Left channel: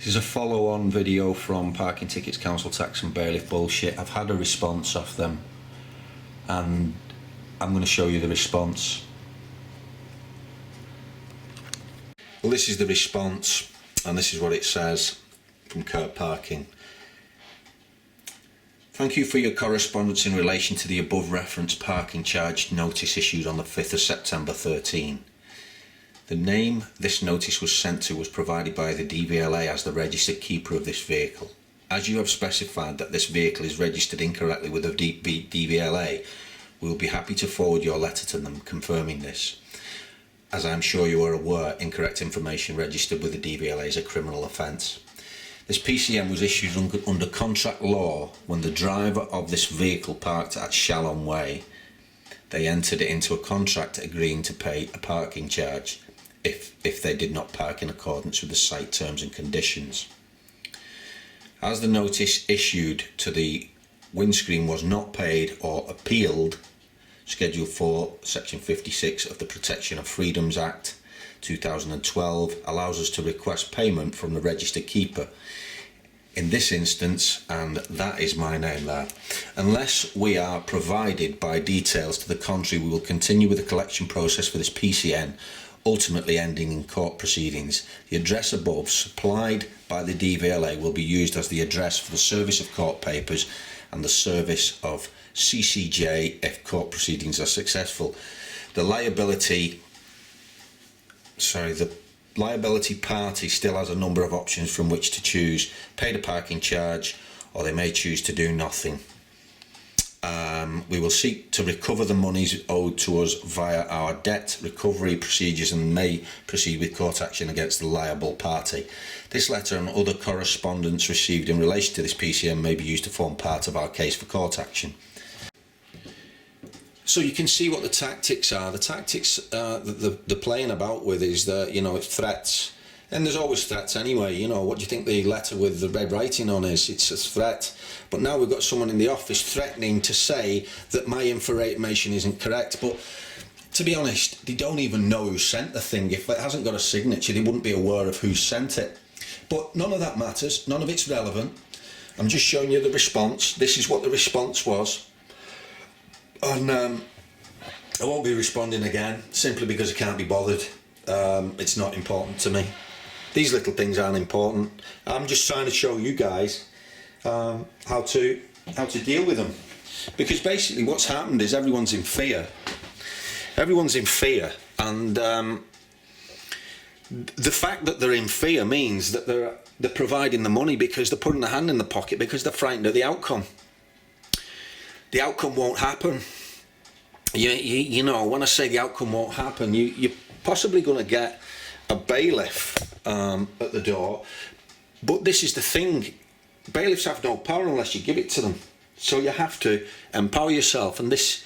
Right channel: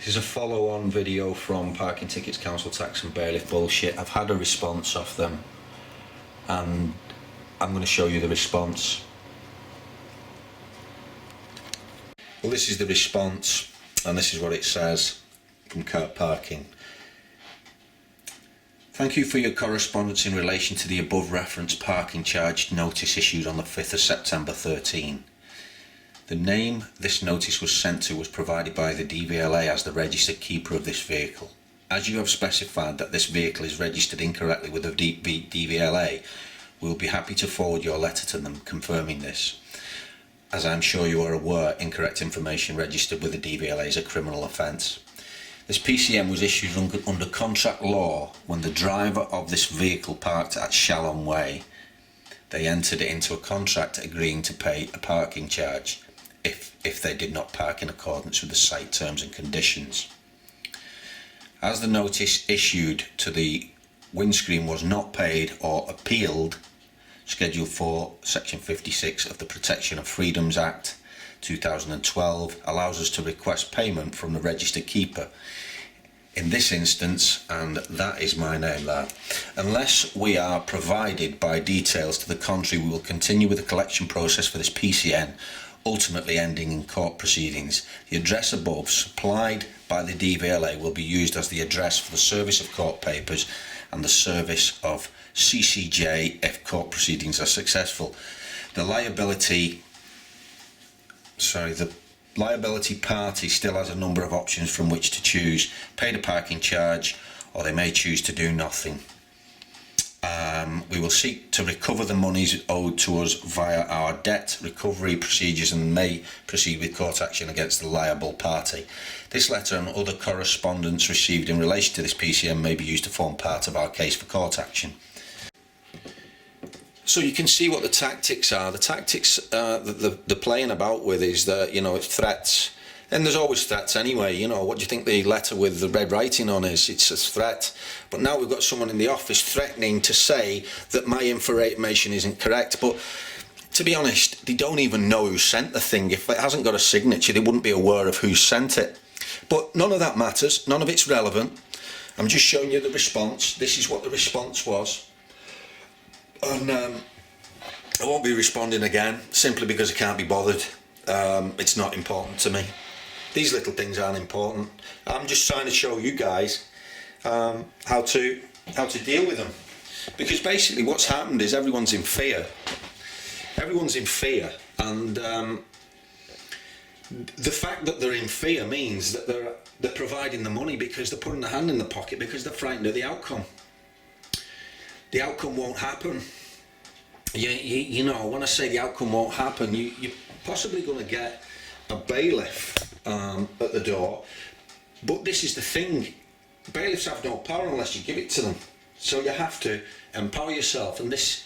This is a follow-on video from Parking Tickets, Council Tax and Bailiff bullshit. I've had a response off them and I'm going to show you the response. Well, this is the response and this is what it says from Car Parking. Thank you for your correspondence in relation to the above referenced parking charge notice issued on the 5th of September 13. The name this notice was sent to was provided by the DVLA as the registered keeper of this vehicle. As you have specified that this vehicle is registered incorrectly with the DVLA, we will be happy to forward your letter to them confirming this. As I am sure you are aware, incorrect information registered with the DVLA is a criminal offence. This PCM was issued under contract law when the driver of this vehicle parked at Shallon Way. They entered into a contract agreeing to pay a parking charge if they did not park in accordance with the site terms and conditions. As the notice issued to the windscreen was not paid or appealed, Schedule 4, Section 56 of the Protection of Freedoms Act 2012 allows us to request payment from the registered keeper. In this instance, and that is my name there, unless we are provided by details to the contrary, we will continue with the collection process for this PCN, ultimately ending in court proceedings. The address above, supplied by the DVLA, will be used as the address for the service of court papers and the service of CCJ if court proceedings are successful. The liability party still has a number of options from which to choose: pay the parking charge, or they may choose to do nothing. We will seek to recover the monies owed to us via our debt recovery procedures and may proceed with court action against the liable party. This letter and other correspondence received in relation to this PCM may be used to form part of our case for court action. So you can see what the tactics are. The tactics that they're playing about with is that, you know, it's threats. And there's always threats anyway. You know, what do you think the letter with the red writing on is? It's a threat. But now we've got someone in the office threatening to say that my information isn't correct. But to be honest, they don't even know who sent the thing. If it hasn't got a signature, they wouldn't be aware of who sent it. But none of that matters. None of it's relevant. I'm just showing you the response. This is what the response was. And I won't be responding again, simply because I can't be bothered. It's not important to me. These little things aren't important. I'm just trying to show you guys how to deal with them. Because basically what's happened is everyone's in fear. Everyone's in fear, and the fact that they're in fear means that they're providing the money because they're putting their hand in the pocket because they're frightened of the outcome. The outcome won't happen. You know, when I say the outcome won't happen, you're possibly going to get a bailiff at the door. But this is the thing. Bailiffs have no power unless you give it to them. So you have to empower yourself. And this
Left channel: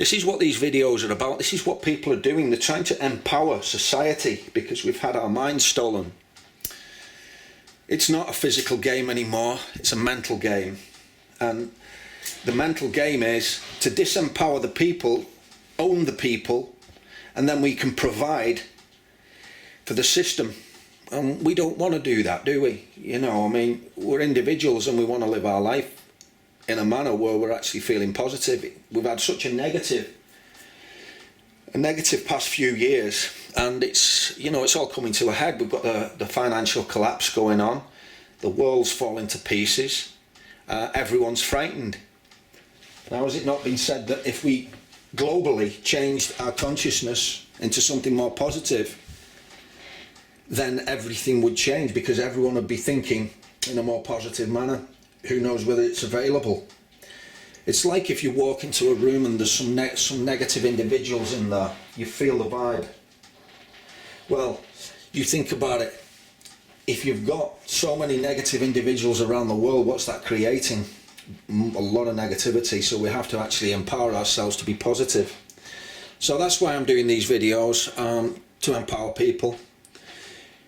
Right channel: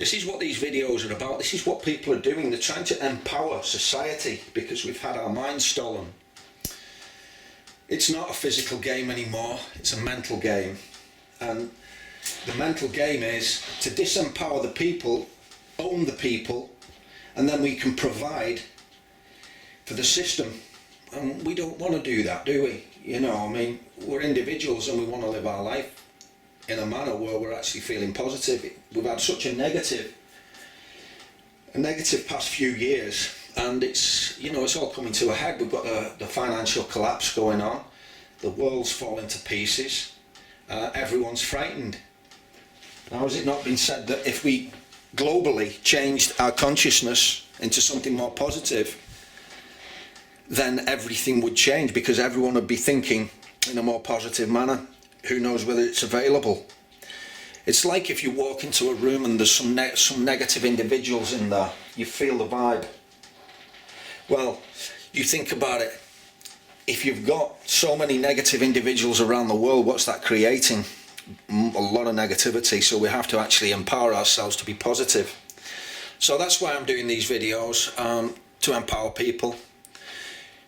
is what these videos are about. This is what people are doing. They're trying to empower society because we've had our minds stolen. It's not a physical game anymore. It's a mental game. And the mental game is to disempower the people, own the people, and then we can provide for the system. And we don't want to do that, do we? You know, I mean, we're individuals and we want to live our life in a manner where we're actually feeling positive. We've had such a negative past few years, and it's, you know, it's all coming to a head. We've got the financial collapse going on. The world's falling to pieces. Everyone's frightened. Now, has it not been said that if we globally changed our consciousness into something more positive, then everything would change because everyone would be thinking in a more positive manner? Who knows whether it's available? It's like if you walk into a room and there's some negative individuals in there, you feel the vibe. Well, you think about it. If you've got so many negative individuals around the world, what's that creating? A lot of negativity. So we have to actually empower ourselves to be positive. So that's why I'm doing these videos, to empower people.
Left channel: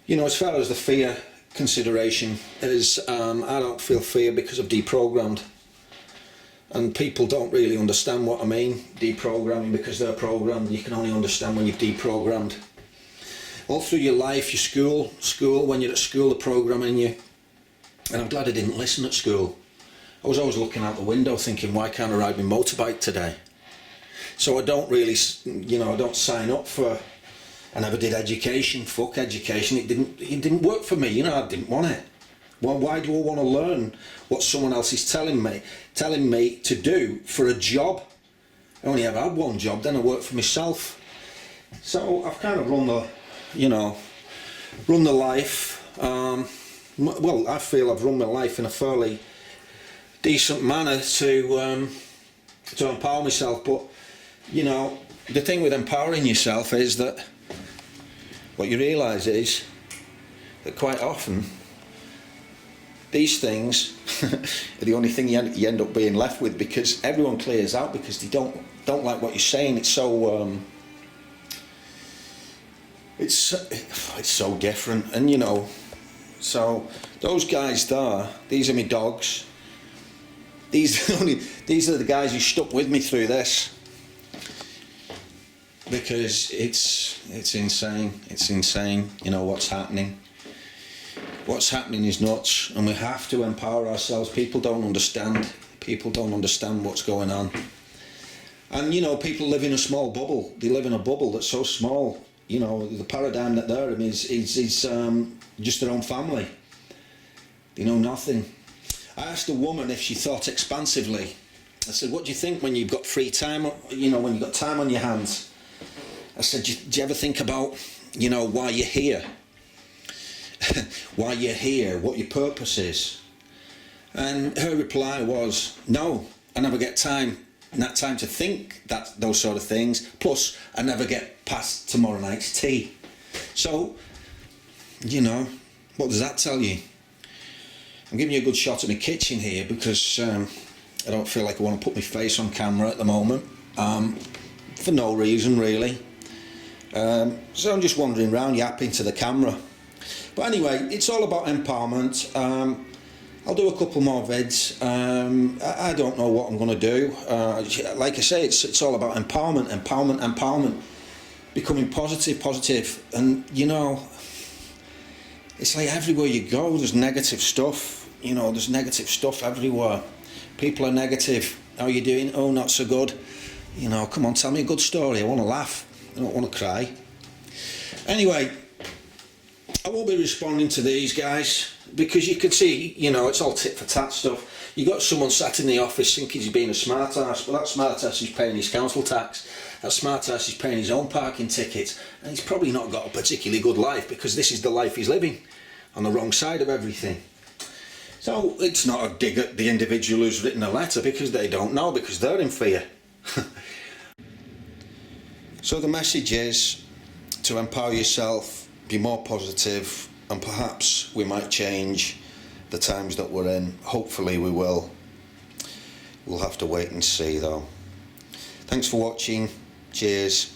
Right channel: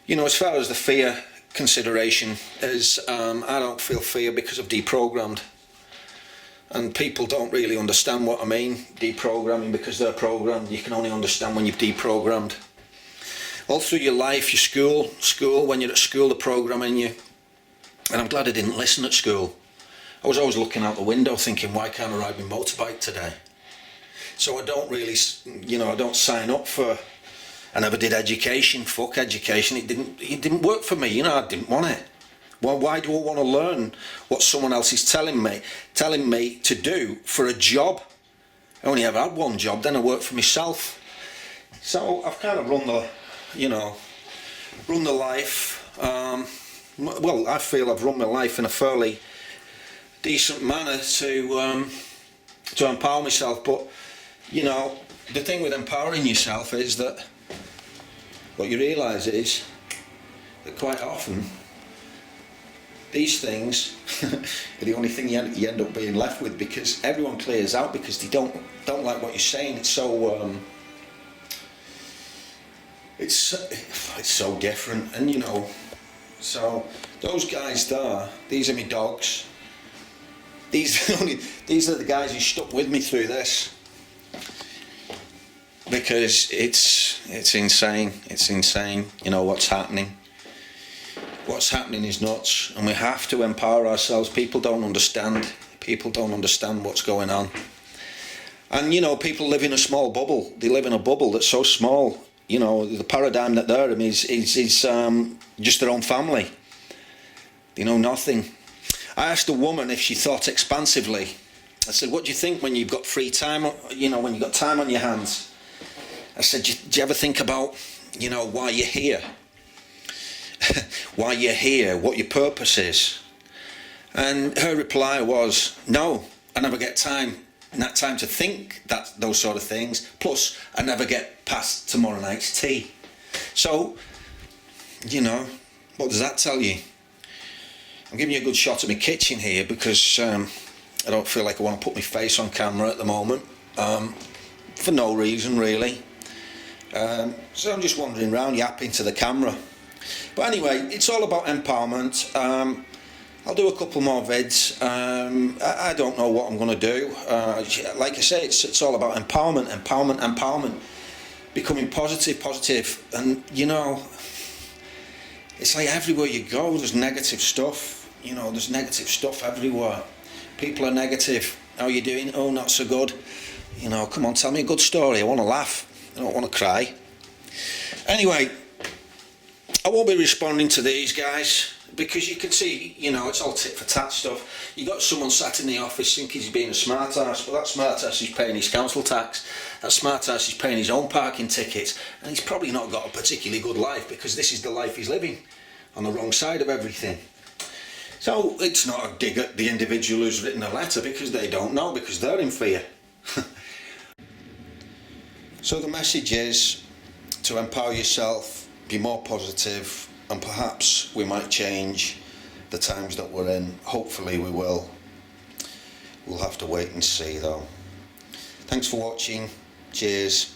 You know, as far as the fear consideration is, I don't feel fear because I've deprogrammed. And people don't really understand what I mean, deprogramming, because they're programmed. You can only understand when you've deprogrammed. all through your life, your school, when you're at school, the programming you, and I'm glad I didn't listen at school. I was always looking out the window thinking, why can't I ride my motorbike today? So I don't really, I don't sign up for, I never did education, fuck education, it didn't work for me, I didn't want it. Well, why do I want to learn what someone else is telling me to do for a job? I only ever had one job, then I worked for myself. So I've kind of run the life, well, I feel I've run my life in a fairly decent manner to empower myself, but the thing with empowering yourself is that what you realise is that quite often these things are the only thing you end up being left with, because everyone clears out because they don't like what you're saying. It's so it's so different, and so those guys there, these are my dogs. These are the guys who stuck with me through this, because it's insane. It's insane. What's happening. What's happening is nuts, and we have to empower ourselves. People don't understand. People don't understand what's going on. And people live in a small bubble. They live in a bubble that's so small. The paradigm that they're in is just their own family. They know nothing. I asked a woman if she thought expansively. I said, what do you think when you've got free time, when you've got time on your hands? I said, do you ever think about, why you're here? Why you're here, what your purpose is? And her reply was, no, I never get time to think those sort of things. Plus, I never get past tomorrow night's tea. So, what does that tell you? I'm giving you a good shot at my kitchen here because I don't feel like I want to put my face on camera at the moment, for no reason really. So I'm just wandering around yapping to the camera. But anyway, it's all about empowerment. I'll do a couple more vids. I don't know what I'm going to do. Like I say, it's all about empowerment. Becoming positive. And, it's like everywhere you go, there's negative stuff. There's negative stuff everywhere. People are negative. How are you doing? Oh, not so good. Come on, tell me a good story. I want to laugh. I don't want to cry. Anyway, I won't be responding to these guys because you can see, it's all tit for tat stuff. You got someone sat in the office thinking he's being a smart ass, but that smart ass is paying his council tax. That smart ass is paying his own parking tickets, and he's probably not got a particularly good life because this is the life he's living, on the wrong side of everything. So it's not a dig at the individual who's written a letter because they don't know, because they're in fear. So the message is to empower yourself, be more positive, and perhaps we might change the times that we're in. Hopefully we will. We'll have to wait and see though. Thanks for watching. Cheers.